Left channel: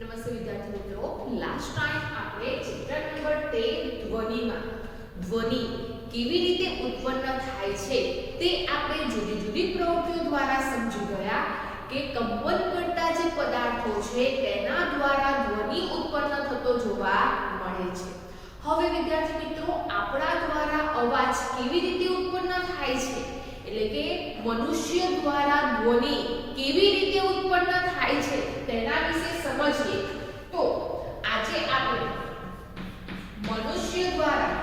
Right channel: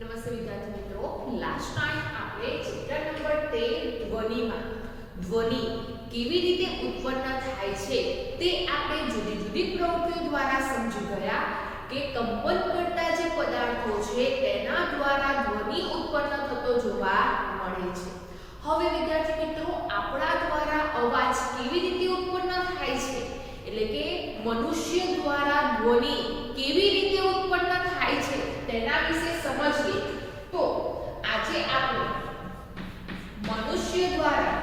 નમસ્તે વિદ્યાર્થી મિત્રો, લાસ્ટ ટાઈમ આપણે ચેપ્ટર નંબર 13 ધ્વનિમાં ધ્વનિ કેવી રીતે ઉત્પન્ન થાય છે તે આપણે જુદી જુદી પ્રવૃત્તિઓ દ્વારા સમજી ગયા કે કંપન કરતા જે પદાર્થો છે તેના દ્વારા ધ્વનિ ઉત્પન્ન થતો જોવા મળે છે। હવે વિદ્યાર્થી મિત્રો, આપણા દ્વારા અવાજ કેવી રીતે ઉત્પન્ન થાય છે એટલે કે મનુષ્ય દ્વારા ધ્વનિ કેવી રીતે ઉત્પન્ન થાય છે તેના વિશે સમજીએ તો આજે આપણે મનુષ્ય દ્વારા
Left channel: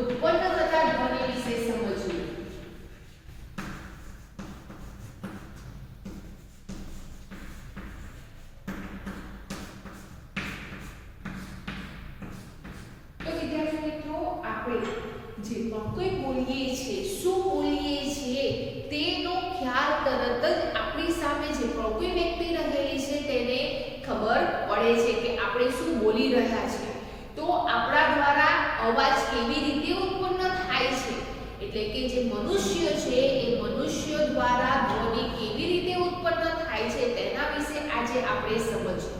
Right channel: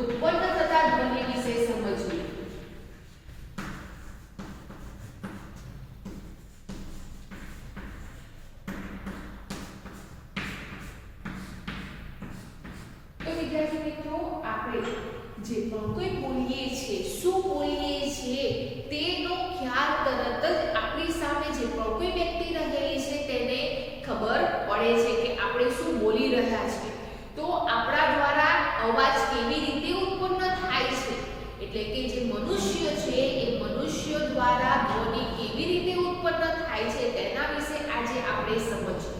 ઉત્પન્ન થતા ધ્વનિ વિશે સમજીએ। તો વિદ્યાર્થી મિત્રો, આપણે જે પણ કોઈ બોલીએ છીએ, શું બોલીએ છીએ તેનો ખ્યાલ તરત જ આપણી સામે જે પણ કોઈ વ્યક્તિ રહેલી છે તેને ખબર પડે છે કે આપણે શું બોલી રહ્યા છીએ। તો આપણા દ્વારા અવાજ કેવી રીતે ઉત્પન્ન થાય છે એટલે કે જે મનુષ્ય છે એ મનુષ્ય દ્વારા ધ્વનિ કેવી રીતે ઉત્પન્ન થાય છે તેના વિશે આજે આપણે સમજીએ।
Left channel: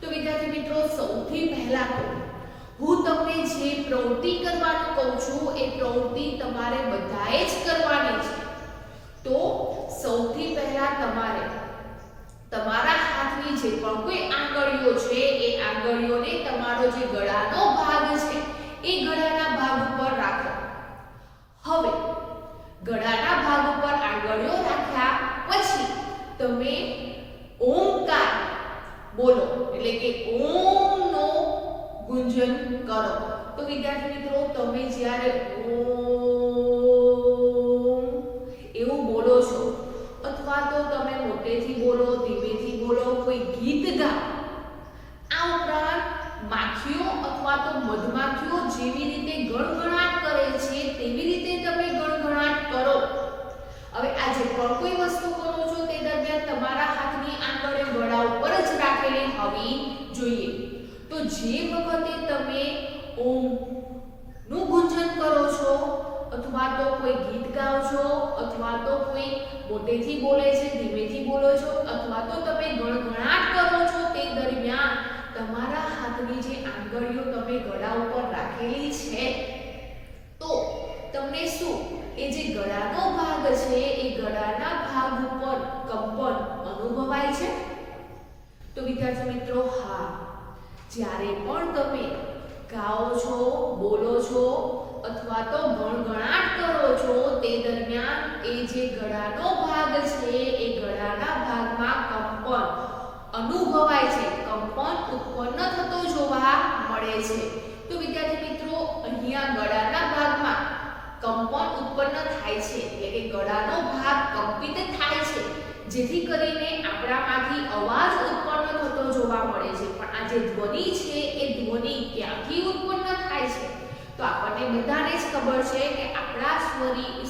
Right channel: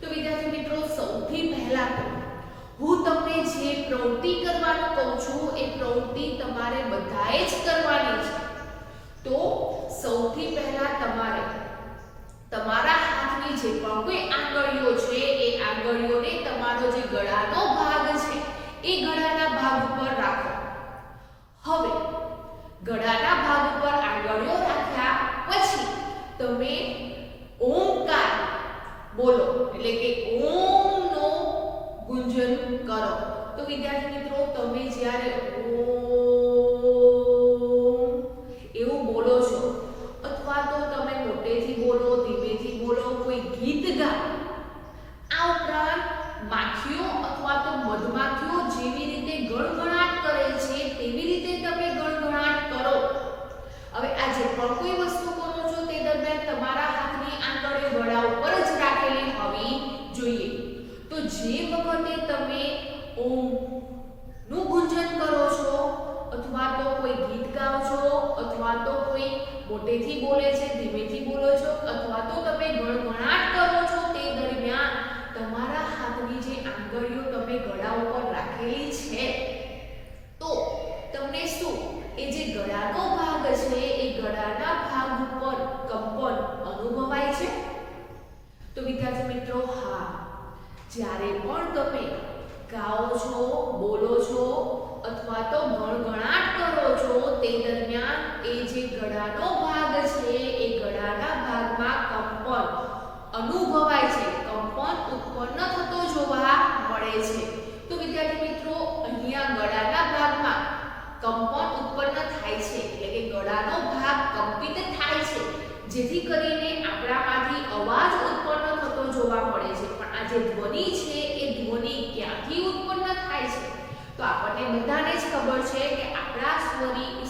તો વિદ્યાર્થી મિત્રો, સૌથી પહેલા તો હું તમને જે પ્રવૃત્તિ કરવાનું કહું છું એ પ્રવૃત્તિ તમારે બધાએ જ કરવાની છે। તો સૌથી પહેલા તમારે તમારા હાથની જે પણ કોઈ આંગળીઓ છે એ આંગળીઓને તમારો જે ગળાનો ભાગ છે એ ગળાના ભાગ ઉપર રાખો। હવે ગળાના ભાગ ઉપર આંગળીઓ રાખ્યા પછી તમે ઓમકાર બોલો એટલે કે ઓમ નો ગુંજન કરો। તો વિદ્યાર્થી મિત્રો, તમે જ્યારે ઓમ એવું બોલો છો અથવા તો તમે મોટેથી બોલો, ધીમેથી બોલો, કોઈ ગીત ગાઓ, આ ઉપરાંત માખીઓ અથવા તો મધમાખીઓ જેવી રીતે ગણગણાટ કરે છે તેવી રીતે તમે ગણગણાટ કરો। હવે આ જે પણ કોઈ વસ્તુ કરો છો તે દરમિયાન તમારા હાથની આંગળીઓ ગળા ઉપર જ રાખેલી હોવી જોઈએ। તો જે વખતે તમે ઓમ નું ગુંજન કરો છો અથવા તો કોઈ ગીત ગાઓ છો અથવા તો કોઈ મોટેથી બોલે છે, ધીમેથી બોલો છો અથવા તો તમે ગણગણાટ કરો છો તે દરમિયાન તમારા હાથની જે આંગળીઓ તમે ગળા ઉપર રાખેલી છે તો તમને શું એ જે ગળાનો ભાગ છે એ ગળાના ભાગ ઉપર કંપન અનુભવાય છે? તો વિદ્યાર્થી મિત્રો, હા, જ્યારે પણ તમે ગાઓ છો, બોલો છો અથવા તો ગણગણાટ કરો છો તે દરમિયાન એ જે ગળાનો ભાગ છે એ ગળાના ભાગમાં કંપન અનુભવાય છે, કંપન ઉત્પન્ન થતો જોવા મળે છે। તો વિદ્યાર્થી મિત્રો, અહીંયા ગળાના ભાગમાં કંપન ઉત્પન્ન થાય છે એટલે કે ગળાનો ભાગ કંપિત થાય છે જેથી કરીને આપણામાંથી અવાજ ઉત્પન્ન થતો જોવા મળે છે। પણ આ જે ધ્વનિ છે એ ધ્વનિ ક્યાંથી ઉત્પન્ન થાય છે? તો આપણને બધાને જ ખબર છે કે આપણા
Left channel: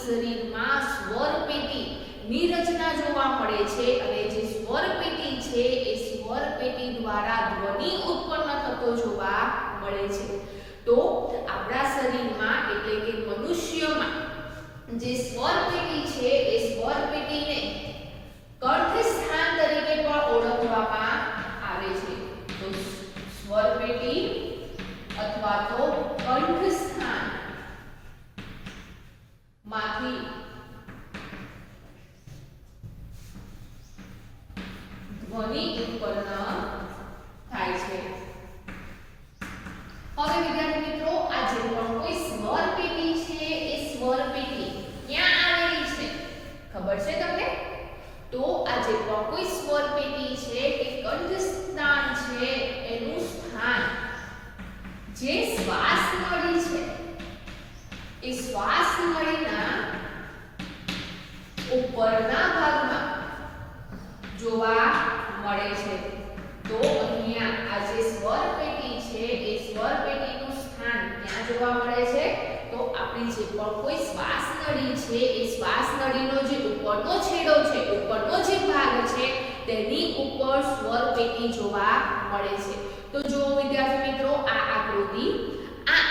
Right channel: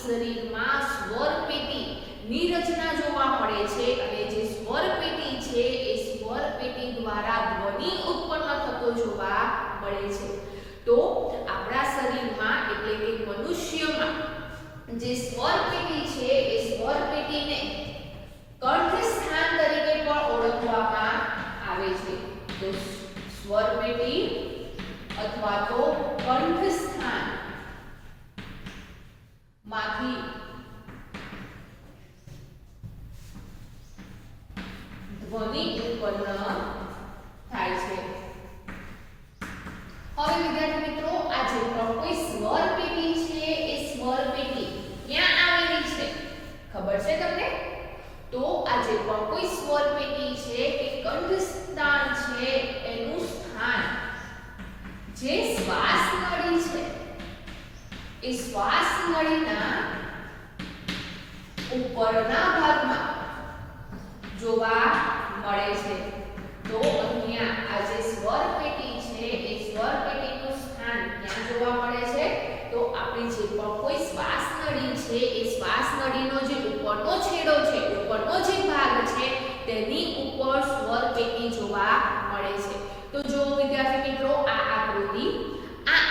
શરીરમાં સ્વર પેટીની રચના જોવા મળે છે અને જે સ્વર પેટી છે એ સ્વર પેટી દ્વારા ધ્વનિ ઉત્પન્ન થતો જોવા મળે છે। તો આપણા શરીરમાં એટલે કે મનુષ્યમાં જે સ્વર પેટી છે એ સ્વર પેટીને કંઠસ્થાન તરીકે પણ ઓળખવામાં આવે છે। તો સ્વર પેટી અથવા તો કંઠસ્થાન માંથી ધ્વનિ ઉત્પન્ન થાય છે। હવે વિદ્યાર્થી મિત્રો, આ જે પણ કોઈ સ્વર પેટી છે એ સ્વર પેટી ક્યાં આવેલી છે ખબર છે તમને? તો આ જે પણ કોઈ સ્વર પેટી છે કે કંઠસ્થાન છે એનું સ્થાન જે શ્વાસ નળી છે એ શ્વાસ નળીના ઉપરના ભાગમાં જોવા મળે છે। તો અહીંયા આ જે સ્વર પેટી છે એ સ્વર પેટીનું સ્થાન ક્યાં જોવા મળે છે? તો આપણી જે પણ કોઈ શ્વાસ નળી છે એ શ્વાસ નળીનો જે ઉપરનો છેડો છે, ઉપરનો જે ભાગ છે તેની ઉપર સ્વર પેટી જોવા મળે છે। તો જો વિદ્યાર્થી મિત્રો, આ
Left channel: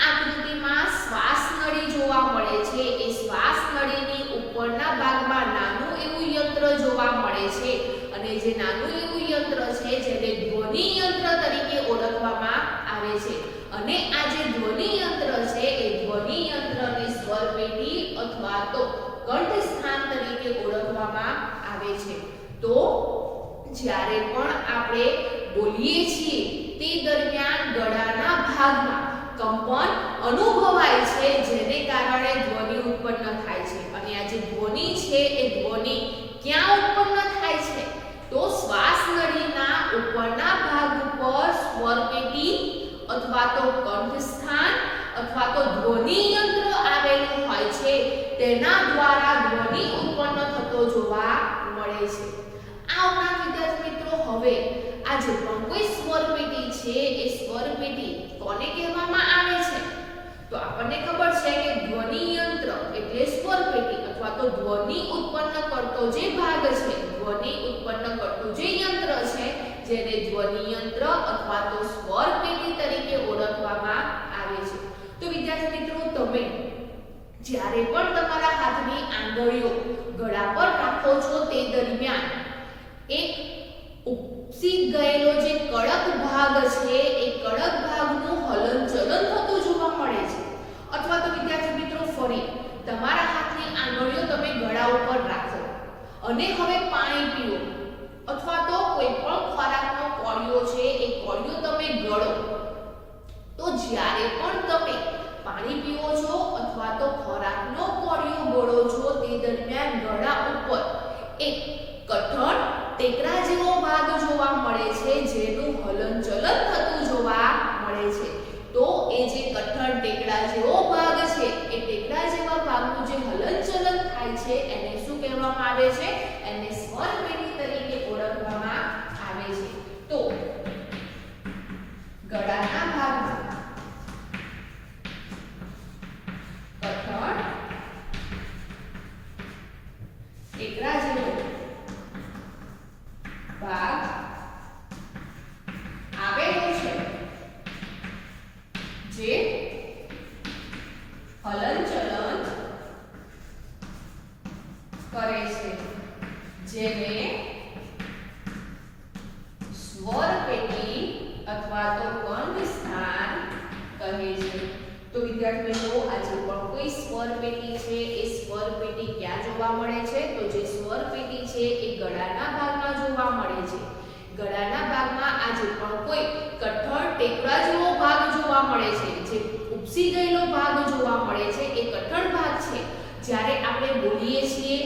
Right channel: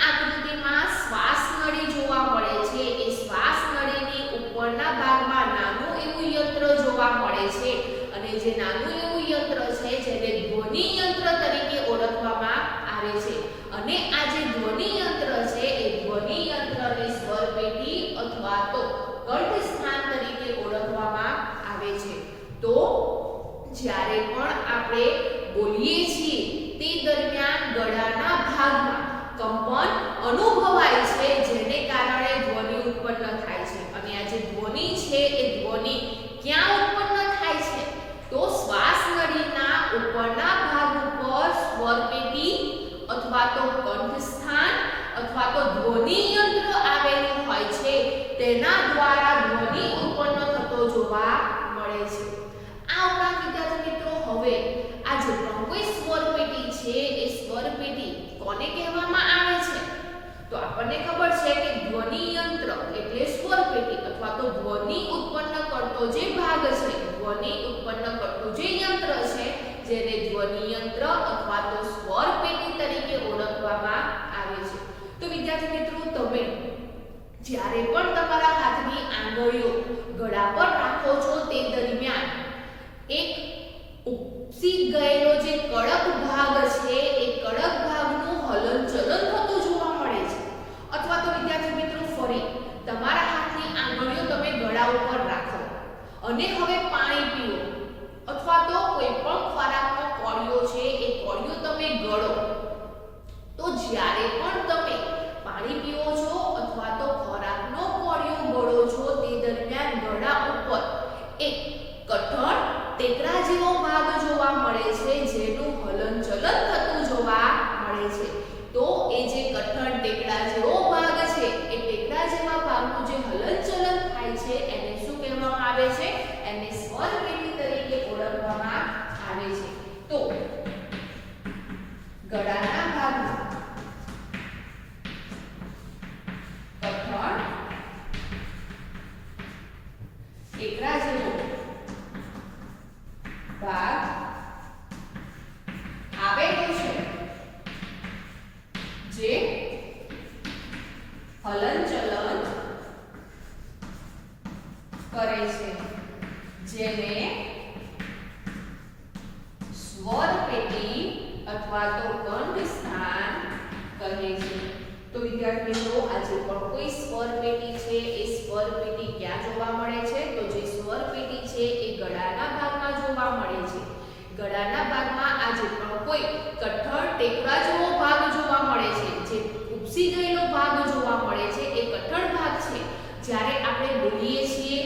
આકૃતિમાં શ્વાસ નળી જોવા મળે છે। એ શ્વાસ નળીની ઉપરના ભાગમાં નાનું એવું યંત્ર જોવા મળે છે અને જે નાનું એવું યંત્ર છે જેને ધ્વનિ યંત્ર તરીકે ઓળખવામાં આવે છે અને આ જે ધ્વનિ યંત્ર છે એ ધ્વનિ યંત્રને સ્વર પેટી અથવા તો કંઠ સ્થાન તરીકે ઓળખવામાં આવે છે તો જ્યારે પણ આપણે બોલીએ છીએ તે દરમિયાન ગળાના ભાગમાં કંપન અનુભવાય છે જેને કારણે ધ્વનિ ઉત્પન્ન થાય છે અને આ જે ધ્વનિ છે એ ધ્વનિ ક્યાં ઉત્પન્ન થાય છે તો શ્વાસ નળીના ઉપરના ભાગ ઉપર સ્વર પેટી અથવા તો કંઠ સ્થાન અથવા તો ધ્વનિ યંત્ર આવેલું હોય છે તેના દ્વારા ધ્વનિ ઉત્પન્ન થતો જોવા મળે છે આ ઉપરાંત વિદ્યાર્થી મિત્રો હવે આ જે પણ કોઈ સ્વર પેટી છે એ સ્વર પેટી કોને કહેવામાં આવે છે તો આપણને ખબર છે કે ધ્વનિ યંત્ર એટલે સ્વર પેટી અથવા તો ધ્વનિ ઉત્પન્ન કરતો જે ભાગ છે ધ્વનિ ઉત્પન્ન કરતું જે યંત્ર છે જેને ધ્વનિ યંત્ર અથવા તો સ્વર પેટી તરીકે ઓળખવામાં આવે છે તો વિદ્યાર્થી મિત્રો તમે જ્યારે પણ તમારા હાથની આંગળીઓ ગળા પર રાખો છો તે દરમિયાન એક ઉપસી ગયેલો જે કડક ભાગ છે એ કડક ભાગનું હલનચલન થતું જોવા મળે છે અથવા તો વિદ્યાર્થી મિત્રો ફરી તમારા હાથની આંગળીઓ તમે ગળા ઉપર રાખો અને હવે પાણી પીઓ અથવા તો કોઈ પણ ખોરાકનો કોળિયો છે એ કોળિયો તમે ગળો તો જ્યારે પણ તમે પાણી પીવો છો અથવા તો ખોરાકનો કોળિયો ગળો છો તે દરમિયાન ગળા ઉપર એક કઠણ ટેકરા જેવો ભાગ જોવા મળે છે જેનું હલનચલન થતું જોવા મળે છે તો એ જે કઠણ ટેકરા જેવો ભાગ છે એ ટેકરા જેવા ભાગનું જે હલનચલન થાય છે એને શું કહેવામાં આવે છે એને સ્વર પેટી તરીકે ઓળખવામાં આવે છે તો ગળાના ભાગમાં કઠણ ટેકરા જેવો ભાગ આવેલું છે જે હલનચલન કરે છે જેને સ્વર પેટી અથવા તો કંઠ સ્થાન કહે છે તો વિદ્યાર્થી મિત્રો આજે પણ કોઈ સ્વર પેટી છે એ સ્વર પેટી ક્યાં જોવા મળે છે તો જે સ્વર પેટી છે એ ગળાના ભાગમાં જોવા મળે છે ગળાના ભાગમાં આજે પણ કોઈ કઠણ ટેકરા જેવો ભાગ જોવા મળે છે જે ઉપસી ગયેલો ભાગ જોવા મળે છે એ કઠણ ભાગ છે જ્યારે આપણે બોલીએ છીએ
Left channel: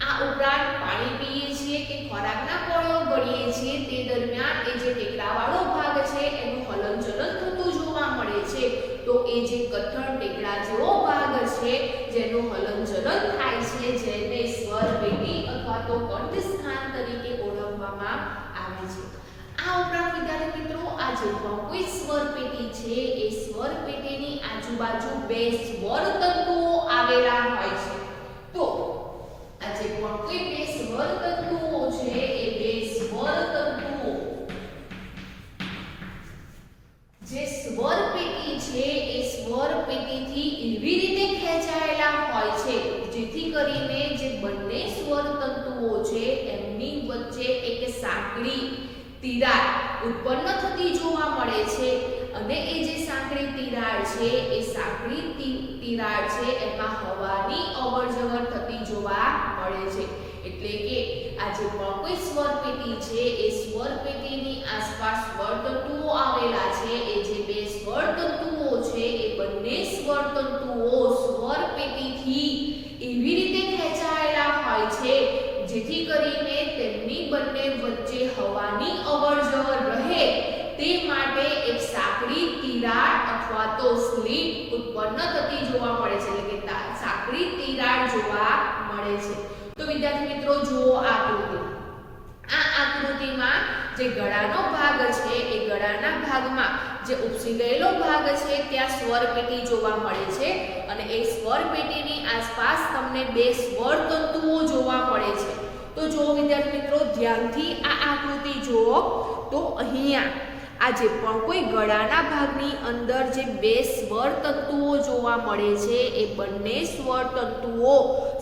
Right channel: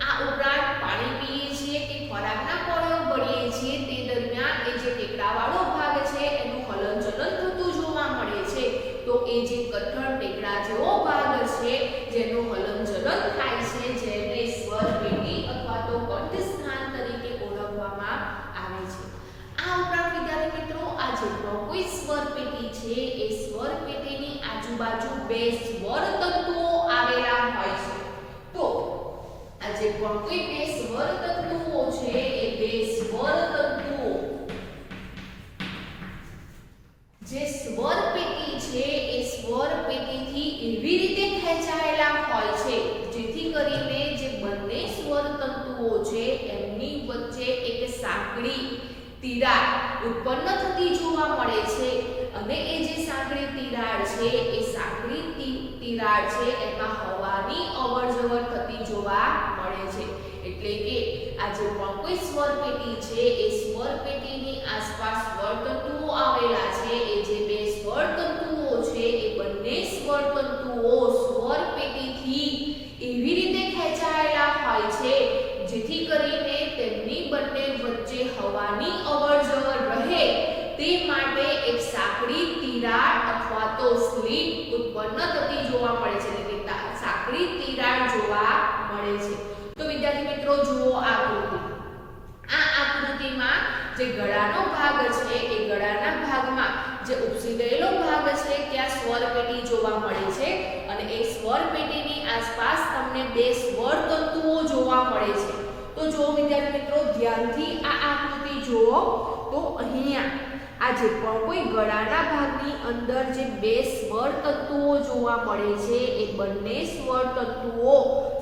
આ ઉપરાંત પાણી પીએ છીએ કે ખોરાકના કોળિયો ગળીએ છીએ તે દરમિયાન એ જે ટેકરાવાળો ભાગ છે એનું હલનચલન થતું જોવા મળે છે તો એ જે કઠણ ટેકરા જેવો ભાગ છે જેનું હલનચલન થાય છે જેને સ્વર પેટી અથવા તો કંઠ સ્થાન તરીકે ઓળખવામાં આવે છે આ ઉપરાંત વિદ્યાર્થી મિત્રો આ જે કોઈ સ્વર પેટી છે એ સ્વર પેટીની આજુબાજુ બે સ્વર તંતુઓ આવેલા હોય છે તો આ જે કોઈ બે સ્વર તંતુઓ છે એ બે સ્વર તંતુઓ જે સ્વર પેટી છે એ સ્વર પેટીથી એવી રીતે ખેંચાયેલા હોય છે જેથી કરીને જે બંને સ્વર તંતુઓ છે એમની વચ્ચે એક સાંકડી તિરાડ ઉત્પન્ન થતી જોવા મળે છે અને એ જે સાંકડી તિરાડ છે એ સાંકડી તિરાડ છે એમાં હવાની અવરજવર થતી જોવા મળે છે એટલે કે આ જે પણ કોઈ સ્વર પેટી છે એ સ્વર પેટીની આસપાસ સ્વર તંતુઓ આવેલા છે એ જે બે સ્વર તંતુઓ છે એ બંને સ્વર તંતુઓ સ્વર પેટીથી એવી રીતે ખેંચાયેલા હોય છે જેથી કરીને તેમની બંને વચ્ચે હવાની અવરજવર રહે તે માટે એક સાંકડી તિરાડ અથવા તો સ્લિટ ઉત્પન્ન થતી જોવા મળે છે એટલે કે સાંકડી તિરાડ જોવા મળે છે તો વિદ્યાર્થી મિત્રો જુઓ આકૃતિ આ આકૃતિમાં જે ગળાનો ભાગ છે એ ગળાના ભાગમાં જે ઉપસી ગયેલો ભાગ છે ત્યાં સ્વર પેટી જોવા મળે છે અને એ સ્વર પેટીની આસપાસ તમને બે સ્વર તંતુઓ જોવા મળે છે તો જો વિદ્યાર્થી મિત્રો ધ્યાનથી આ આકૃતિ જુઓ તો અહીંયા આ જે પણ કોઈ ગળાના ભાગની અંદર જે બે સ્વર તંતુઓ જોવા મળે છે એ બંને સ્વર તંતુઓ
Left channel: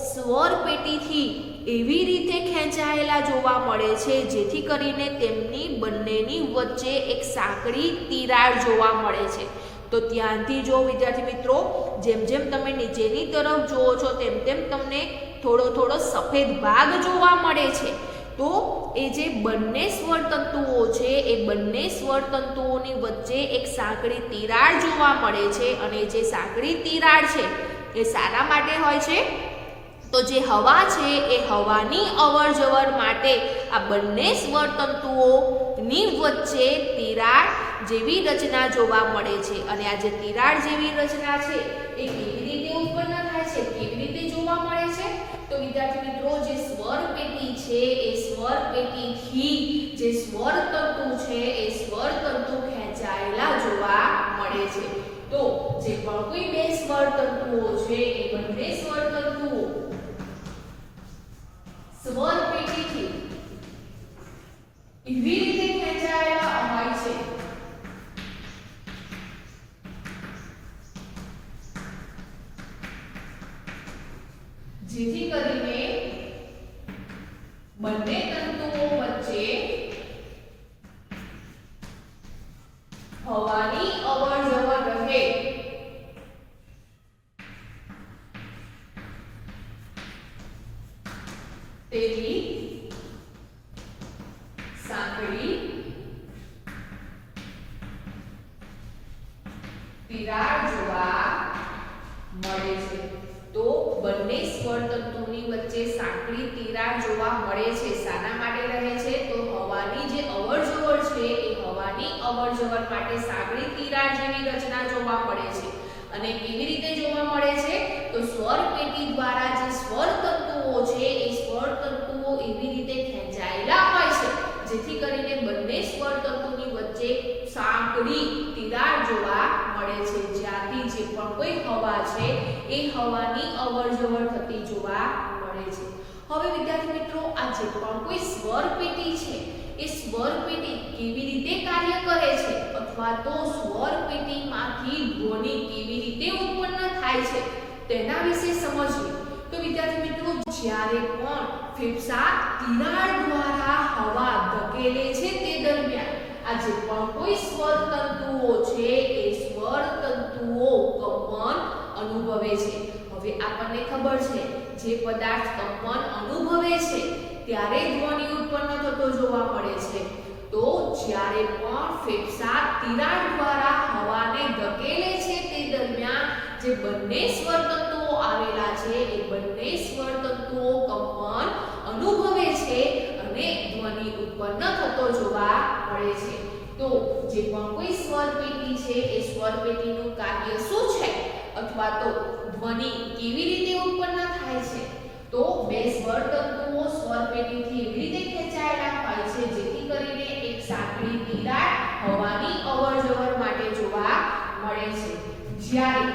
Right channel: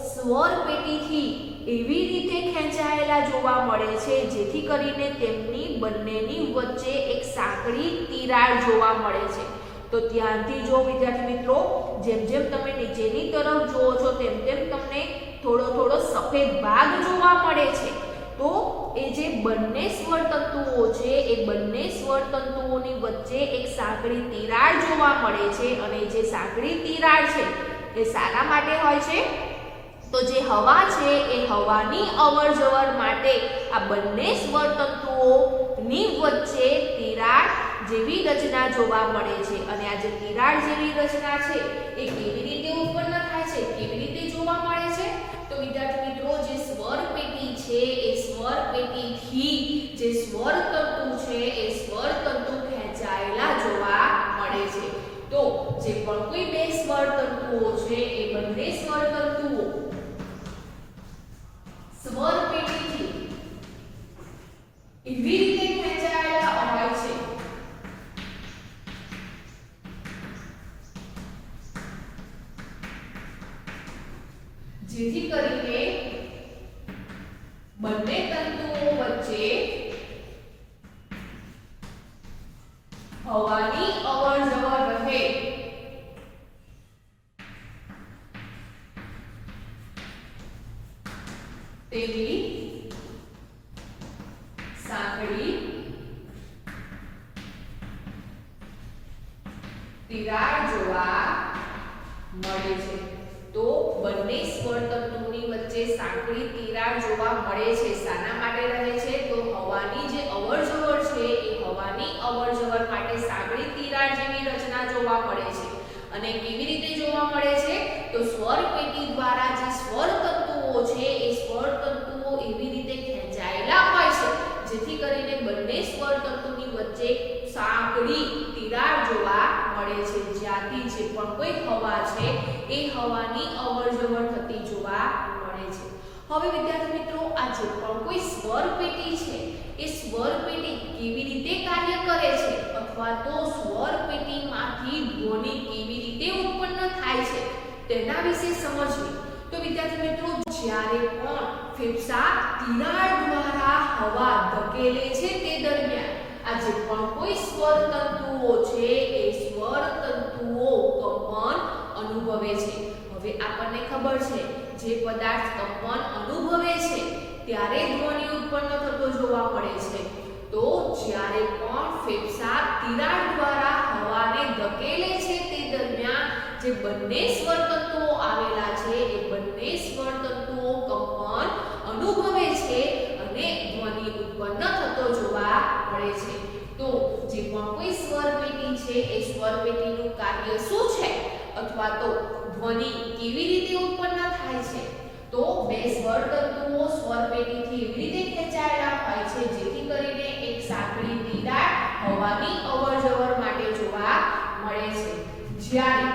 સ્વર પેટીથી એવી રીતે ખેંચાયેલા જોવા મળે છે જેથી કરીને તેમની બંનેની વચ્ચે એક સાંકડી તિરાડ જોવા મળે છે. તો ધ્યાનથી જો વિદ્યાર્થી મિત્રો, જેમ જેમ તમે નીચેની તરફ જુઓ છો તેમ તેમ તમને થોડો સફેદ ભાગ જોવા મળે છે. તો એ જે બંને સ્વર તંતુઓ છે એ બંને સ્વર તંતુઓની વચ્ચે એક સાંકડી તિરાડ જોવા મળે છે અને જે સાંકડી તિરાડ છે એ શાના માટે હોય છે? તો જે હવા છે એ હવાની અવરજવર માટે આ બંને સ્વર તંતુઓની વચ્ચે તિરાડ જેવી રચના જોવા મળે છે. અને આ જે તિરાડ જેવી રચના છે એ કેવી રીતે ઉત્પન્ન થાય છે, કેવી રીતે જોવા મળે છે? તો વિદ્યાર્થી મિત્રો, જે સ્વર પેટી છે એ સ્વર પેટીથી જે સ્વર તંતુ છે એ સ્વર તંતુ ખેંચાયેલા જોવા મળે છે. તો જે પણ કોઈ બે સ્વર તંતુઓ છે એ બંને સ્વર તંતુઓ સ્વર પેટીથી એવી રીતે ખેંચાયેલા હોય છે જેથી કરીને બંને તંતુઓ વચ્ચે હવાની અવરજવર રહે તેવી સાંકડી તિરાડ જોવા મળે છે. તો બંને સ્વર તંતુની વચ્ચે સાંકડી તિરાડ જોવા મળે છે. શાના માટે રહે છે? તો હવાની જે અવરજવર છે એ હવાની અવરજવર માટે સાંકડી તિરાડ જેવી રચના જોવા મળે છે. અને કેવી રીતે જોવા મળે છે? તો સ્વર પેટી દ્વારા જે સ્વર તંતુઓ છે એ સ્વર તંતુઓ એવી રીતે ખેંચાયેલા હોય છે જેથી કરીને બંને સ્વર તંતુની વચ્ચે સાંકડી તિરાડ જોવા મળે છે, જ્યાંથી જે પણ કોઈ હવા છે એ હવાની અવરજવર થતી જોવા મળે છે. હવે વિદ્યાર્થી મિત્રો, આ જે પણ કોઈ સ્વર પેટી છે એ સ્વર પેટી કેવી રીતે કાર્ય કરે છે અથવા તો સ્વર પેટીમાંથી ધ્વનિ કેવી રીતે ઉત્પન્ન થાય છે તેના વિશે સમજીએ. તો વિદ્યાર્થી મિત્રો, જ્યારે પણ ફેફસા તિરાડ દ્વારા હવા ધકેલે છે તે દરમિયાન આ જે પણ કોઈ સ્વર તંતુઓ છે એ સ્વર તંતુઓ કંપન અનુભવે છે. હવે આપણને ખબર છે જે પદાર્થ કંપન અનુભવે છે ત્યારે ધ્વનિ ઉત્પન્ન થતો જોવા મળે છે. તો જ્યારે પણ ફેફસા તિરાડ દ્વારા હવાને ધકેલે છે તે દરમિયાન જે બંને સ્વર તંતુઓ આવેલા છે એ બંને સ્વર તંતુઓ કંપન અનુભવે છે અને ધ્વનિ ઉત્પન્ન થતો જોવા મળે છે. તો જે પણ કોઈ સ્વર પેટી છે એ સ્વર પેટીનું કાર્ય શું છે અથવા તો ધ્વનિ કેવી રીતે ઉત્પન્ન થાય છે? તો બે સ્વર તંતુઓ સ્વર પેટીથી એવી રીતે ખેંચાયેલા હોય છે જેથી કરીને એક સાંકડી તિરાડ હવાની અવરજવર માટે જોવા મળે છે. જ્યારે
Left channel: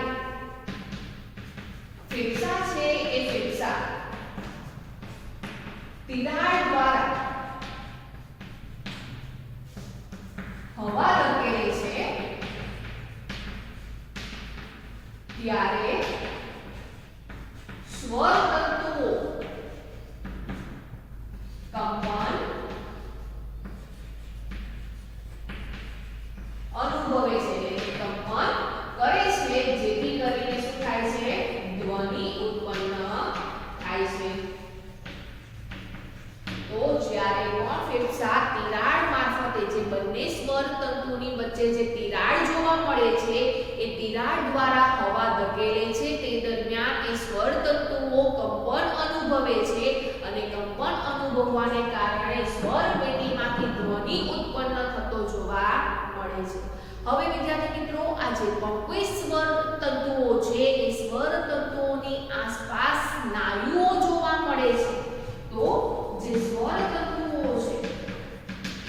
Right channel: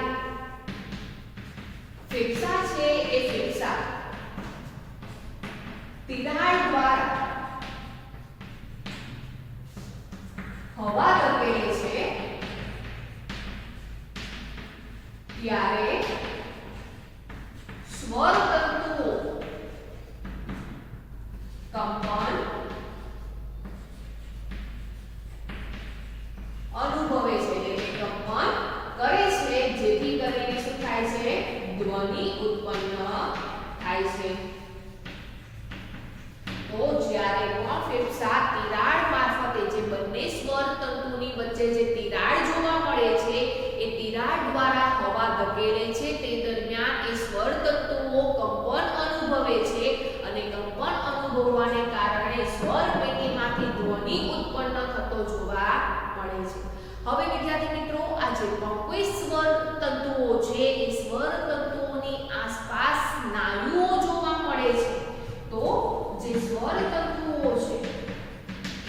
ફેફસા છે એ ફેફસા તિરાડ દ્વારા હવા ધકેલે છે ત્યારે સ્વર તંતુઓ કંપન અનુભવે છે, એટલે કે કંપન કરે છે જેથી કરીને શું થાય છે? ધ્વનિ ઉત્પન્ન થાય છે. તો જ્યારે પણ ફેફસા તિરાડ મારફતે જે બંને સ્વર તંતુની વચ્ચે જે તિરાડ જોવા મળે છે એ તિરાડ દ્વારા હવા ધકેલે છે તે દરમિયાન એ સ્વર તંતુઓ કંપન અનુભવે છે અને કંપન અનુભવવાને કારણે સ્વર પેટીમાંથી ધ્વનિ ઉત્પન્ન થતો જોવા મળે છે. હવે વિદ્યાર્થી મિત્રો, આ જે પણ કોઈ સ્વર તંતુઓ છે એ સ્વર તંતુઓની આસપાસ સ્નાયુઓ જોવા મળે છે. તો જે સ્વર તંતુઓ છે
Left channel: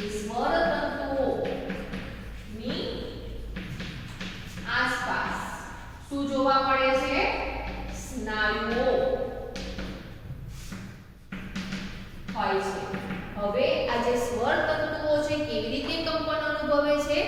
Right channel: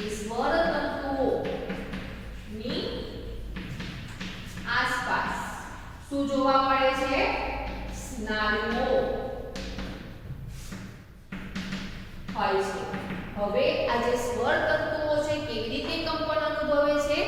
એ સ્વર તંતુઓની આસપાસ શું જોવા મળે છે? સ્નાયુઓ હોય છે. હવે આ જે સ્વર તંતુઓ છે કેવી રીતે કંપન અનુભવે અનુભવે છે?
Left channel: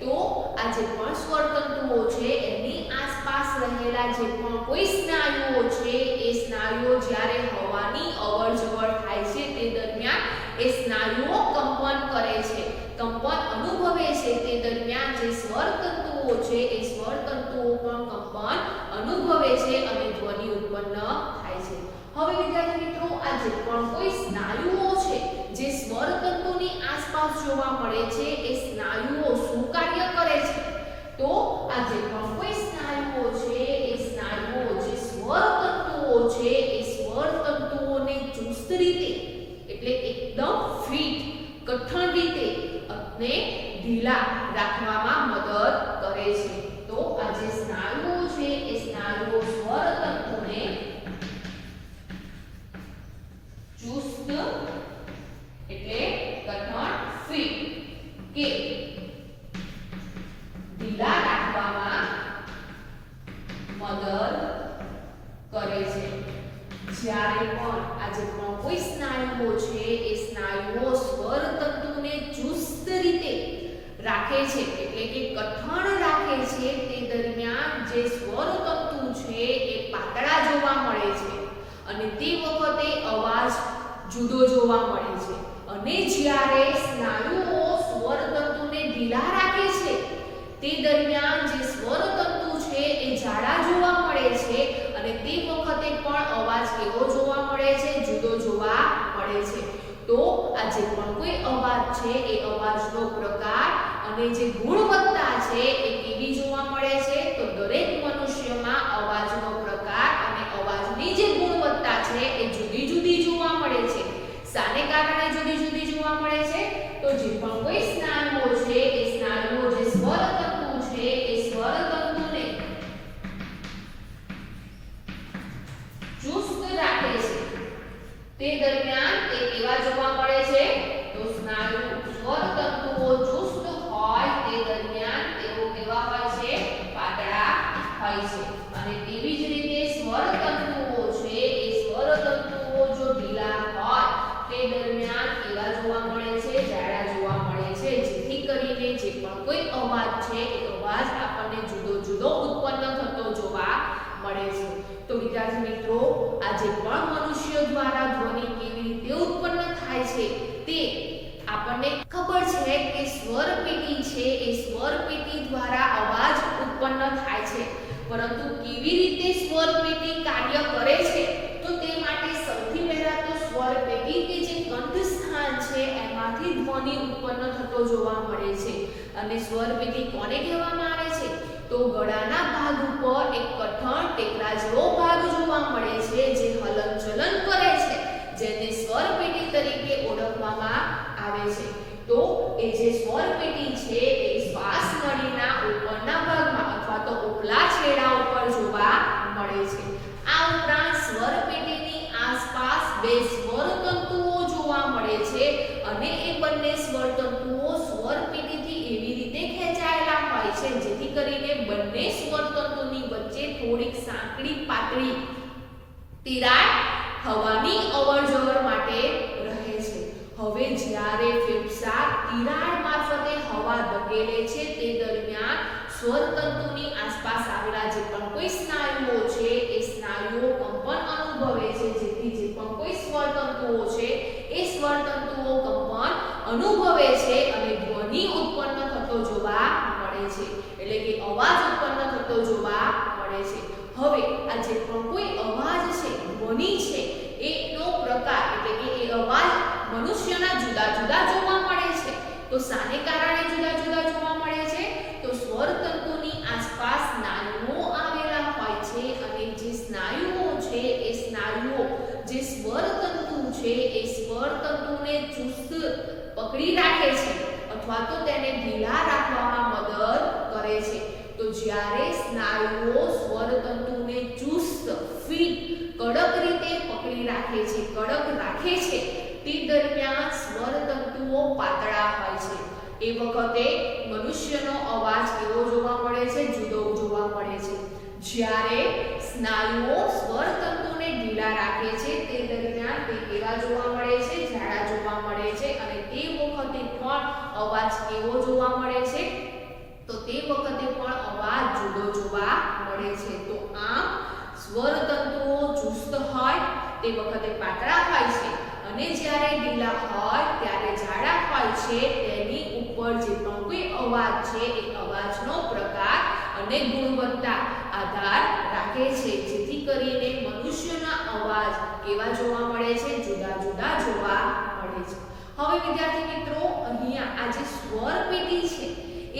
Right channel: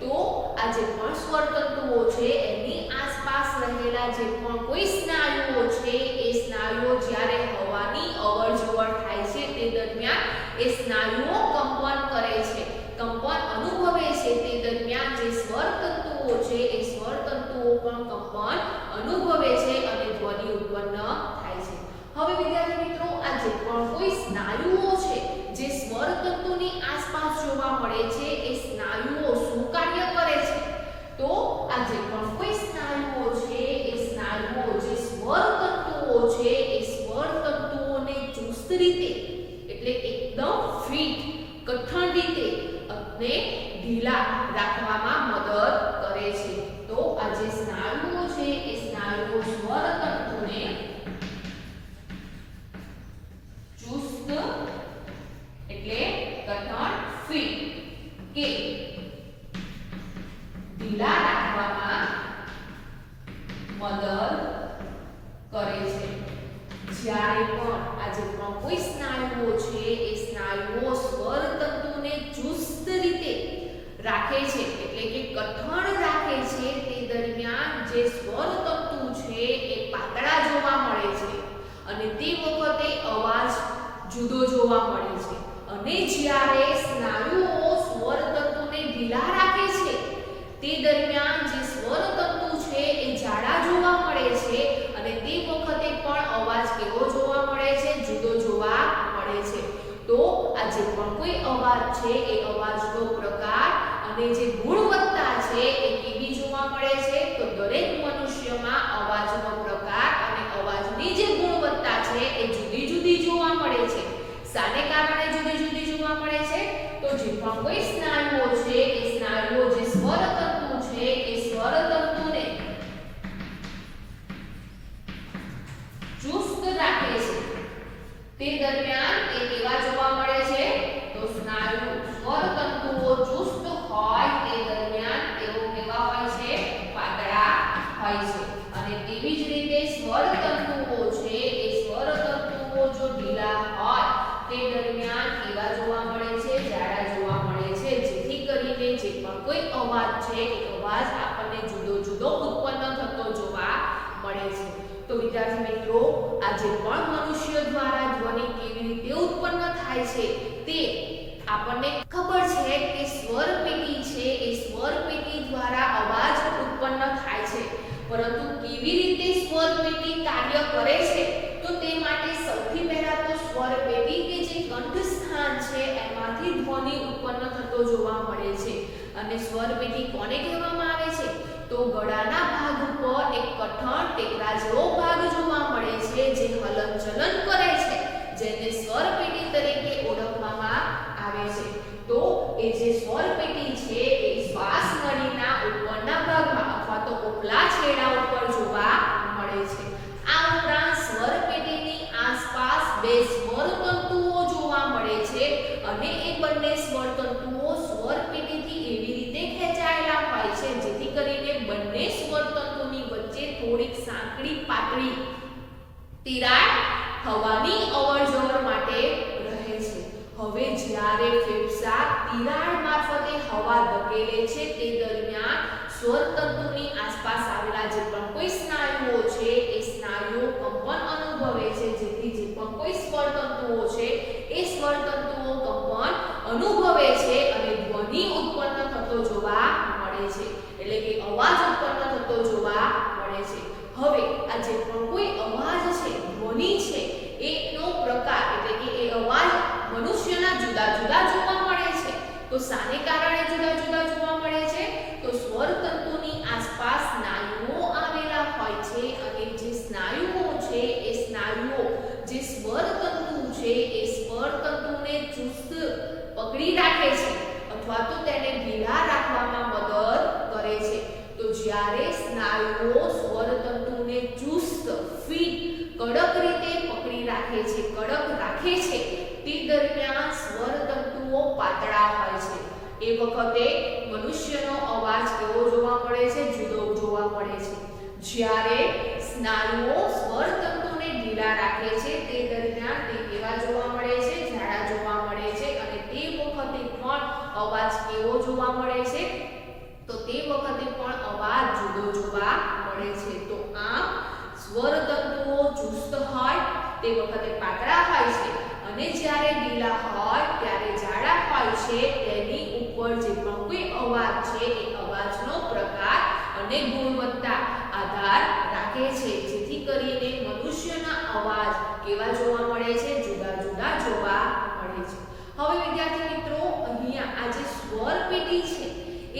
તો આ જે પણ સ્વરતંતુઓ છે એની આસપાસ રહેલા જે પણ કોઈ સ્નાયુઓ છે એ સ્નાયુઓ જ્યારે હવાની અવરજવર થાય છે તે દરમિયાન એ સ્નાયુઓ કંપન કરે છે, કંપન અનુભવે છે. તે દરમિયાન જે સ્વરતંતુઓ છે એ સ્વરતંતુઓ પણ કંપન અનુભવે છે અને ધ્વનિ ઉત્પન્ન થાય છે. હવે વિદ્યાર્થી મિત્રો, આ જે પણ કોઈ સ્નાયુઓ છે જે સ્વરતંતુની આસપાસ જોવા મળે છે એ સ્નાયુઓ શું કાર્ય કરે છે? તો આ જે પણ કોઈ સ્નાયુઓ છે એ સ્નાયુઓ જે સ્વરતંતુઓ છે એ સ્વરતંતુઓને ચુસ્ત રીતે એટલે એકદમ ફિટ કઠણ રીતે અને ઢીલા રાખવામાં મદદ કરે છે. તો આ જે સ્નાયુઓ છે એ સ્નાયુઓ સ્વરતંતુને ચુસ્ત એટલે કઠણ ફિટ કે ઢીલા રાખવામાં મદદ કરે છે. જ્યારે પણ આ જે પણ કોઈ સ્નાયુઓ છે એ સ્નાયુઓ સ્વરતંતુને ચુસ્ત રીતે રાખે છે એટલે કે કઠણ રાખે છે, તે દરમિયાન જે સ્વરતંતુ છે એ પાતળા જોવા મળે છે અને તે વખતે અવાજ જુદો જોવા મળે છે. અને જ્યારે સ્નાયુઓ સ્વરતંતુને ઢીલા રાખે છે તે દરમિયાન જે સ્વરતંતુ છે એ જાડા જોવા મળે છે અને તે વખતે પણ અવાજ કેવો જોવા મળે છે? જુદો જોવા મળે છે. તો આ જે પણ કોઈ અવાજ છે એ અવાજનો પ્રકાર અને જે ગુણવત્તા છે એ કેવી જોવા મળે છે? તો દરેક મનુષ્યમાં અવાજનો પ્રકાર અને અવાજની જે ગુણવત્તા છે એ જુદી જુદી જોવા મળે છે. શાને કારણે જુદી જુદી જોવા મળે છે? તો જે પણ કોઈ સ્નાયુઓ છે એ સ્નાયુઓ જે સ્વરતંતુ છે એ સ્વરતંતુને ચુસ્ત રાખે છે તે દરમિયાન તે કેવા જોવા મળે છે? તો સ્વરતંતુઓ ચુસ્ત હોય તે દરમિયાન તેઓ કેવા હોય છે? પાતળા હોય છે. અને તેવી જ રીતે સ્વરતંતુઓ છે એ સ્વરતંતુઓ જો ઢીલા હોય તે દરમિયાન કેવા જોવા મળે છે? જાડા જોવા મળે છે. જેથી કરીને જે પણ કોઈ અવાજ છે એ અવાજ આપણને જુદો જુદો ઉત્પન્ન થતો જોવા મળે છે. તો વિદ્યાર્થી મિત્રો, આ જે પણ મનુષ્ય દ્વારા ધ્વનિ કેવી રીતે ઉત્પન્ન થાય છે તે આપણને ખબર છે કે સ્વર પેટી છે એ સ્વર પેટી દ્વારા અવાજ ઉત્પન્ન થાય છે. પરંતુ કેવી રીતે સ્વર પેટી કાર્ય કરે છે? તો તે માટે સૌથી પહેલા તો સ્વર પેટી કે જે કંઠ સ્થાન છે એમાંથી ધ્વનિ ઉત્પન્ન થતો જોવા મળે છે. અને સ્વર પેટી કોને કહેવામાં આવે છે? તો ગળાના ભાગ ઉપર એક કઠણ ટેકરા જેવો ભાગ જોવા મળે છે જે હલનચલન કરે છે, જેને સ્વર પેટી તરીકે ઓળખવામાં આવે છે. તો એ જે સ્વર પેટી છે એ શ્વાસ નળીના ઉપરના ભાગમાં અથવા તો ઉપલા છેડા ઉપર જોવા મળે છે. આ ઉપરાંત સ્વર પેટીની આસપાસ બે સ્વરતંતુઓ જોવા મળે છે અને એ બંને સ્વરતંતુઓ સ્વર પેટીથી એવી રીતે ખેંચાયેલા હોય છે જેથી કરીને બંને સ્વરતંતુની વચ્ચે થોડીક સાંકડી પાતળી તિરાડ હવાની અવરજવર માટે રહે છે. હવે જ્યારે ફેફસા તિરાડ મારફતે હવા ધકેલે છે તે દરમિયાન સ્વરતંતુની આસપાસ આવેલા જે પણ કોઈ સ્નાયુઓ છે એ સ્નાયુઓ કંપન અનુભવે છે, જેથી જે પણ કોઈ સ્વરતંતુઓ છે એ સ્વરતંતુઓ કંપન અનુભવે છે અને ધ્વનિ ઉત્પન્ન થતો જોવા મળે છે, એટલે કે અવાજ ઉત્પન્ન થતો જોવા મળે છે. હવે આ જે પણ કોઈ અવાજ છે, ધ્વનિ છે, એનો પ્રકાર એટલે કે એ અવાજ મનુષ્યના જુદા જુદા જોવા મળે છે. તો શાને કારણે જુદા જુદા જોવા મળે છે? તો સ્વરતંતુની આસપાસ સ્નાયુઓ આવેલા હોય છે અને જે સ્નાયુઓ છે એ સ્નાયુઓ જે સ્વરતંતુ છે એ સ્વરતંતુને ચુસ્ત પકડી રાખે છે અથવા તો તેને ઢીલા રાખવામાં મદદ કરે છે. તો જ્યારે સ્નાયુઓ સ્વરતંતુને ચુસ્ત ફિટ કડક રીતે પકડી રાખે છે, કડક રાખે છે, તે દરમિયાન સ્વરતંતુઓ પાતળા હોય છે. એ વખતે મનુષ્યનો અવાજ કેવો જોવા મળે છે? જુદો જોવા મળે છે. જ્યારે સ્નાયુઓ સ્વરતંતુને ઢીલા રાખે છે તે દરમિયાન તે કેવા જોવા મળે છે? જાડા જોવા મળે છે. અને તે વખતે પણ અવાજ કેવો જોવા મળે છે? તો તે વખતે પણ અવાજ જુદો જોવા મળે છે. તો આમ સ્વર તંતુઓ ચુસ્ત હોય તે વખતે પાતળા હોય છે અને જ્યારે ઢીલા હોય ત્યારે જાડા હોય છે. તેની ઉપર જે પણ કોઈ અવાજ છે એ અવાજનો પ્રકાર અને ગુણવત્તા આધાર રાખે છે, જેથી કરીને મનુષ્યના અવાજ કેવા જોવા મળે છે? જુદા જુદા જોવા મળે છે. હવે વિદ્યાર્થી મિત્રો, અહીંયા આ જે સ્વર પેટી છે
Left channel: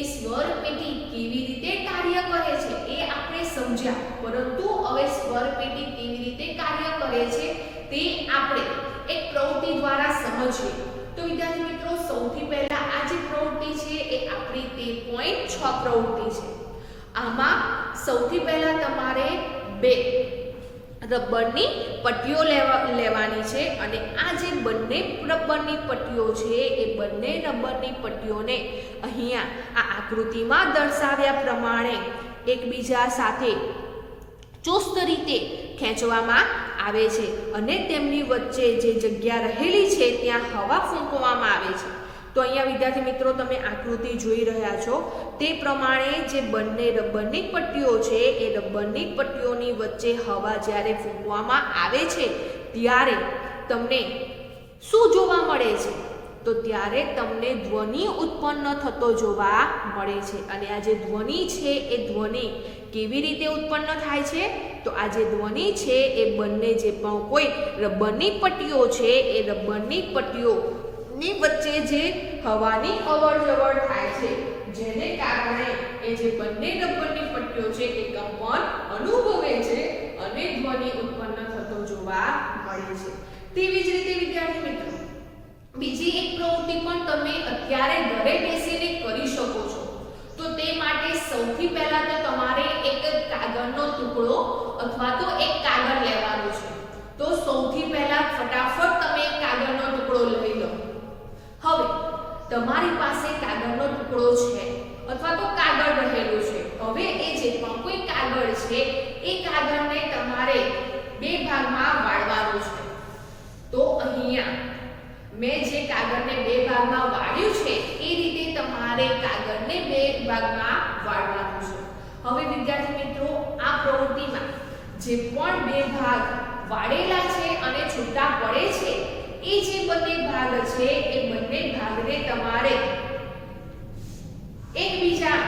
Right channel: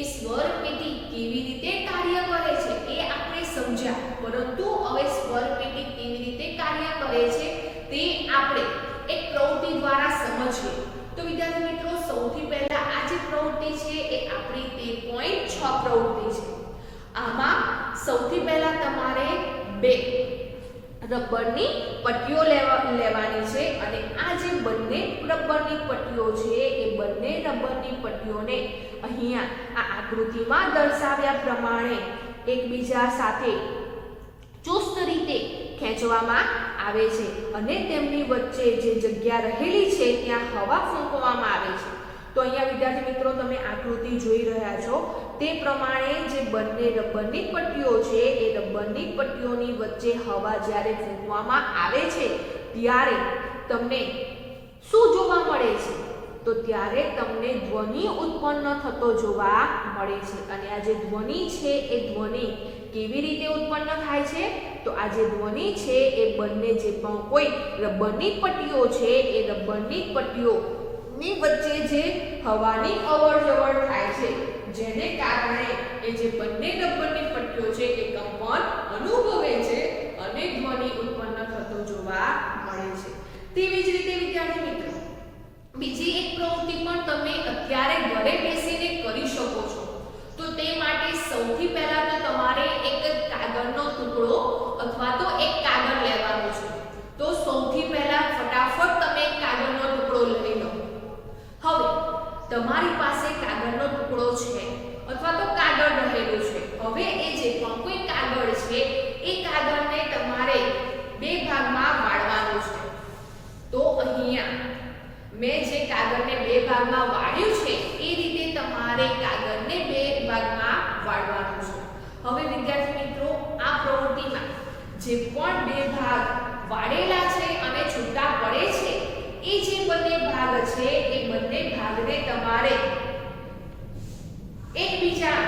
એ સ્વર પેટી કેવી રીતે કાર્ય કરે છે એ આપણે સમજ્યા, પરંતુ હવે સ્વર પેટી કેવી રીતે કાર્ય કરે છે તે આપણે એક પ્રવૃત્તિ દ્વારા સમજીએ. તો વિદ્યાર્થી મિત્રો, સૌથી પહેલા આ જે પ્રવૃત્તિ છે એ આપણી 13.6 પ્રવૃત્તિ છે. આમાં સૌથી પહેલા તમારે 2 રબરની પટ્ટીઓ લેવાની છે અને આ જે બંને રબરની પટ્ટીઓ છે એ બંને રબરની પટ્ટીઓને અહીંયા આ આકૃતિમાં દર્શાવ્યા પ્રમાણે એકબીજા સાથે ચુસ્ત રીતે ખેંચવામાં આવે છે અને તેમની વચ્ચે જે જગ્યા રહેલી છે ત્યાં હવા ફૂંકવામાં આવે છે. તો અહીંયા વિદ્યાર્થી મિત્રો, તમે આકૃતિ જોઈ રહ્યા છો તે પ્રમાણે જે બંને રબરની પટ્ટીઓ છે એ રબરની પટ્ટીઓની વચ્ચે હવા જ્યારે ફૂંકવામાં આવે છે ત્યારે તમને શું જોવા મળે છે? તો ત્યારે તમને ધ્વનિ ઉત્પન્ન થતો જોવા મળે છે. અને આ જે ધ્વનિ છે એ ધ્વનિ કેવી રીતે ઉત્પન્ન થાય છે? તો આ જે ધ્વનિ છે એ બંને જે પણ કોઈ રબરની પટ્ટીઓ છે એ રબરની પટ્ટીઓની વચ્ચે જે હવાની અવરજવર થાય છે, જેને કારણે એ જે બંને રબરની પટ્ટીઓ છે એ કંપન અનુભવે છે અને ધ્વનિ ઉત્પન્ન થતો જોવા મળે છે. તેવી જ રીતે વિદ્યાર્થી મિત્રો, બીજી એક પ્રવૃત્તિ પણ તમે અત્યારે ઘરે બેસીને કરી શકો છો. તો તે માટે સૌથી પહેલા તો તમારે એક કાગળનો ટુકડો અથવા તો એક કાગળ લેવાનો છે. તો સૌથી પહેલા ફટાફટ તમે કાગળનો ટુકડો લઈ લો. હવે તમારી પાસે કાગળનો ટુકડો છે અથવા તો કાગળ રહેલું છે. હવે એ જે પણ કોઈ કાગળ છે એ કાગળને તમારે 2 ભાગમાં વાળવાનો છે. તો અહીંયા મેં જે કાગળને 2 ભાગમાં વાળ્યું છે એ રીતે તમારે કાગળને 2 ભાગમાં વાળવાનું છે. હવે વિદ્યાર્થી મિત્રો, આ પ્રવૃત્તિમાં જે પણ 2 ભાગ વાળેલા છે અને છૂટા પડે છે એ જે બંને ભાગ છે એ બંને ભાગને તમારે એકબીજા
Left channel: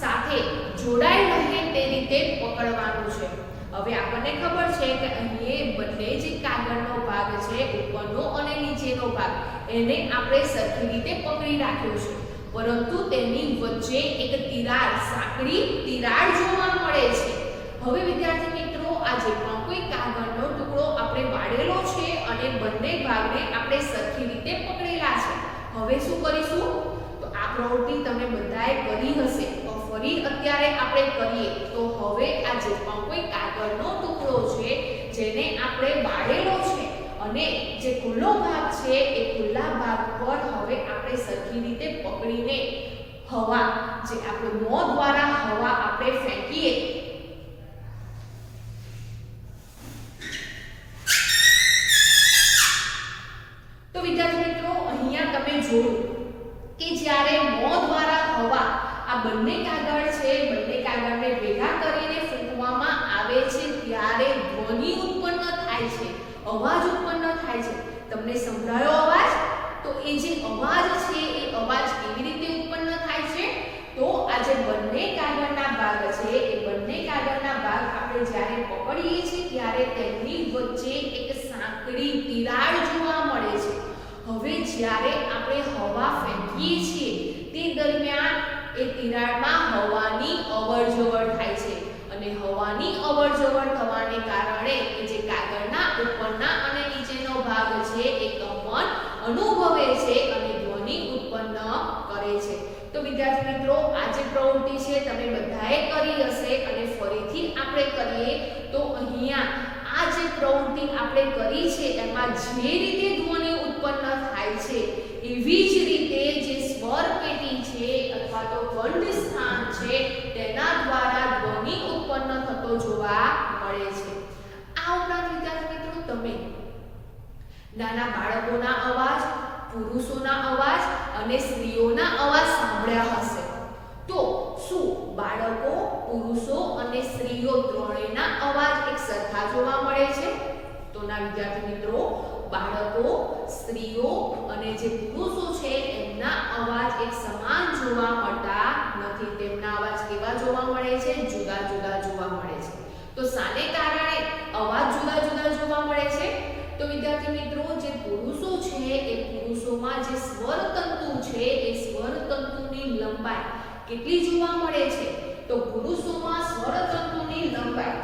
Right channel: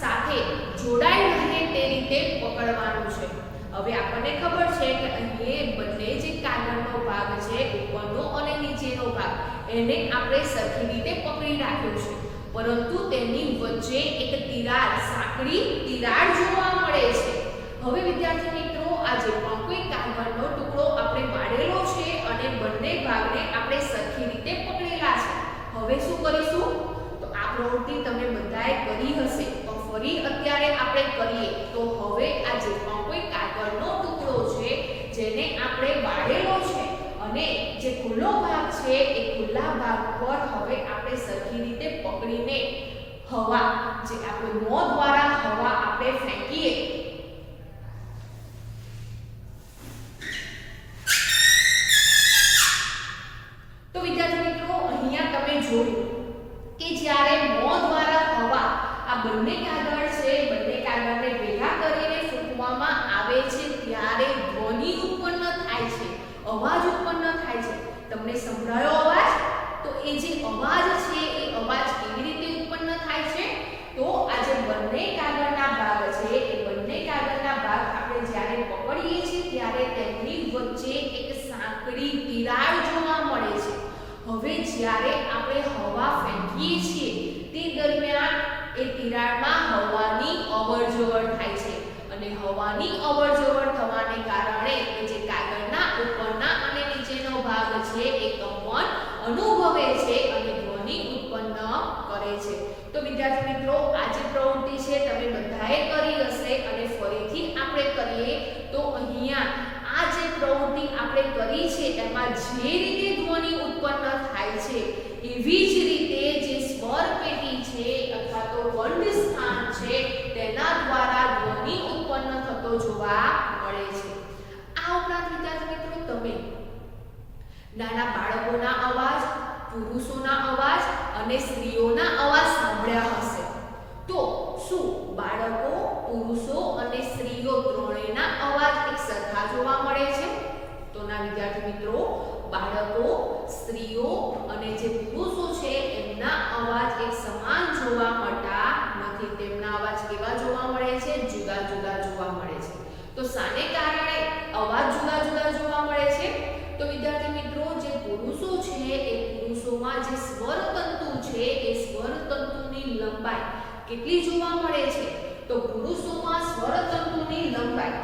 સાથે જોડાઈ રહે તે રીતે પકડવાનું છે. હવે આપણને ખબર છે કે અહીં બંને જે કાગળનો ભાગ છે, ઉપરનો અને નીચેનો ભાગ, એને આપણે સરખી રીતે પકડી રાખ્યો છે, પરંતુ તેની વચ્ચે એક તિરાડ, સાંકડી તિરાડ જોવા મળે છે. હવે વિદ્યાર્થી મિત્રો, આ જે પણ કોઈ કાગળનો ટુકડો આપણે વાળેલો છે અને બંને ભાગને આપણે સરખી રીતે પકડેલા છે. હવે શું કરીશું? તો આ પ્રવૃત્તિ તમે બધાએ કરી હશે, તો ફરી અત્યારે આપણે કરીએ. તો હવે આ જે પણ કોઈ કાગળનો ટુકડો છે જેને આપણે વાળેલો છે અને જે ખુલ્લો ભાગ છે એ ખુલ્લા ભાગ પર હવે આપણે સરખી રીતે પકડીને હવા, જે આપણે મોં દ્વારા હવા આપણે ફેંકીએ. તો વિદ્યાર્થી મિત્રો, અહીંયા તમે જોયું કે જ્યારે મોં દ્વારા હવા આ બંને કાગળ છે, બંને કાગળને ભેગા કરીને ફૂંકવામાં આવે છે ત્યારે ધ્વનિ ઉત્પન્ન થાય છે, અવાજ ઉત્પન્ન થાય છે. તમને સંભળાયો અવાજ? તો એ જે અવાજ છે એ અવાજ કેવી રીતે ઉત્પન્ન થાય છે? તો આ જે બંને કાગળના ભાગ છે એ બંને કાગળના ભાગ આપણે જ્યારે પકડીએ છીએ ત્યારે તેમની વચ્ચે એક સાંકડી તિરાડ જોવા મળે છે. હવે જ્યારે આપણે હવા ફેંકીએ છીએ તે દરમિયાન એ તિરાડમાં હવાની અવરજવર થાય છે અને હવાની અવરજવર થવાને કારણે એ જે કાગળના ઉપરના અને નીચેનો ભાગ છે એ કંપન અનુભવે છે અને ધ્વનિ ઉત્પન્ન કરે છે. તો વિદ્યાર્થી મિત્રો, આ જે પ્રવૃત્તિ છે તમે બધાએ કરી હશે અને ફરીથી આપણે કરીએ. તો અહીંયા આ જે પ્રવૃત્તિ આપણે કરી છે એમાં જે રીતે ધ્વનિ ઉત્પન્ન થાય છે એવી જ રીતે જે સ્વર પેટી છે અથવા તો કંઠ સ્થાન છે તેના દ્વારા ધ્વનિ ઉત્પન્ન થતો જોવા મળે છે. આ આ ઉપરાંત વિદ્યાર્થી મિત્રો તમે નાના બાળકોના અવાજ, પુરુષોના અવાજ અને સ્ત્રીઓના અવાજ સાંભળ્યા હશે. તો શું બાળકો, પુરુષો અને સ્ત્રીઓ ત્રણેયના અવાજ એક સરખા જોવા મળે છે? તો ના વિદ્યાર્થી મિત્રો, બાળકો, સ્ત્રીઓ અને જે પુરુષો છે એમના અવાજ એક સમાન જોવા મળતા નથી. તેમના અવાજ કેવા જોવા મળે છે? જુદા જુદા જોવા મળે છે. તો શાને કારણે અવાજ જુદા જુદા જોવા મળે છે? તો વિદ્યાર્થી મિત્રો, જે પુરુષો છે એ પુરુષોમાં જે સ્વર તંતુ છે એ સ્વર તંતુની લંબાઈ કેટલી જોવા મળે છે? તો પુરુષોમાં સ્વર તંતુની લંબાઈ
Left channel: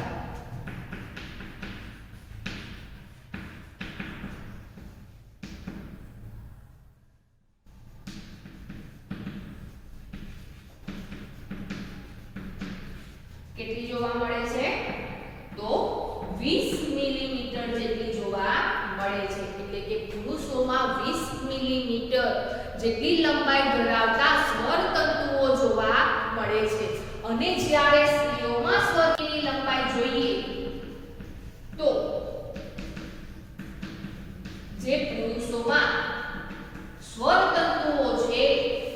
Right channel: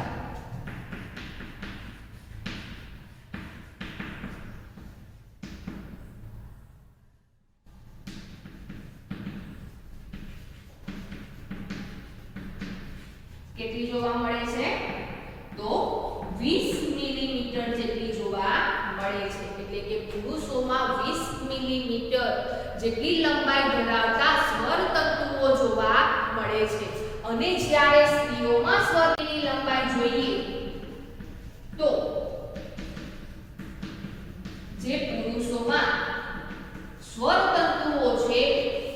કેટલી જોવા મળે છે? તો 20 મિલીમીટર જેટલી જોવા મળે છે. એટલે કે પુરુષોમાં 20 મિલીમીટર જેટલી લંબાઈ ધરાવતા સ્વર તંતુઓ જોવા મળે છે. અને જ્યારે સ્ત્રીઓમાં સ્વરની લંબાઈ જોઈએ તો જે પુરુષોમાં સ્વર તંતુઓ છે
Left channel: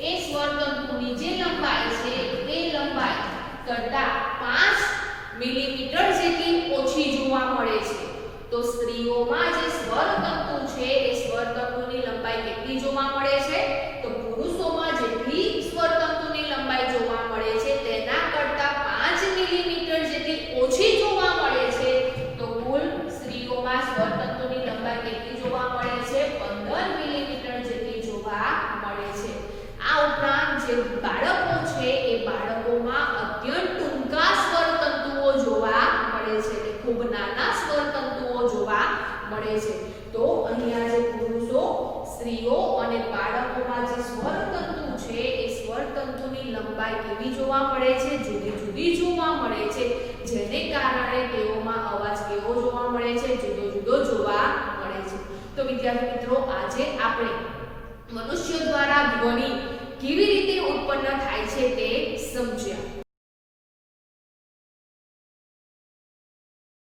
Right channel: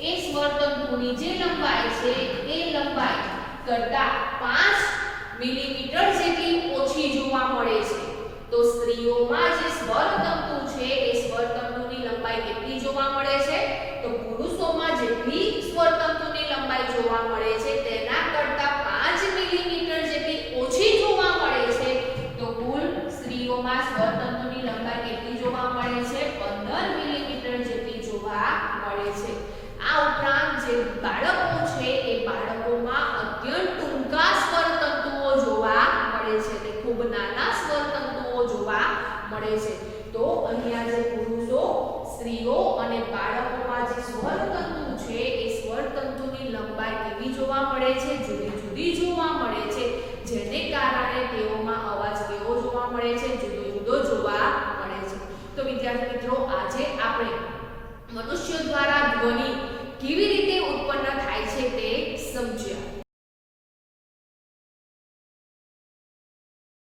એ સ્વર તંતુની જે લંબાઈ છે એ લંબાઈ કરતા 5 મિલીમીટર જેટલી ઓછી જોવા મળે છે. તો સ્ત્રીઓમાં જે સ્વર તંતુ છે એ સ્વર તંતુની લંબાઈ કેટલી જોવા મળે છે? તો પુરુષોમાં જેટલી સ્વર તંતુની લંબાઈ જોવા મળે છે તેના કરતા 5 મિલીમીટર જેટલી ઓછી જોવા મળે છે. તો કુલ સ્ત્રીઓમાં સ્વર તંતુની લંબાઈ કેટલી જોવા મળે છે? 15 મિલીમીટર જેટલી જોવા મળે છે. આ ઉપરાંત જે બાળકો છે એ બાળકોમાં અત્યંત ટૂંકા સ્વર તંતુઓ જોવા મળે છે. તે ખૂબ નાના સ્વર તંતુઓ જોવા મળે છે. તો અહીંયા જે પુરુષો, સ્ત્રીઓ અને બાળકોમાં જે સ્વર તંતુ છે એ સ્વર તંતુની લંબાઈ કેવી જોવા મળે છે? જુદી જુદી જોવા મળે છે. જેને કારણે તેઓમાં અવાજ કેવો જોવા મળે છે? જુદો જુદો જોવા મળે છે. તો વિદ્યાર્થી મિત્રો, આજે આપણે મનુષ્ય દ્વારા ધ્વનિ કેવી રીતે ઉત્પન્ન થાય છે તે સમજ્યું.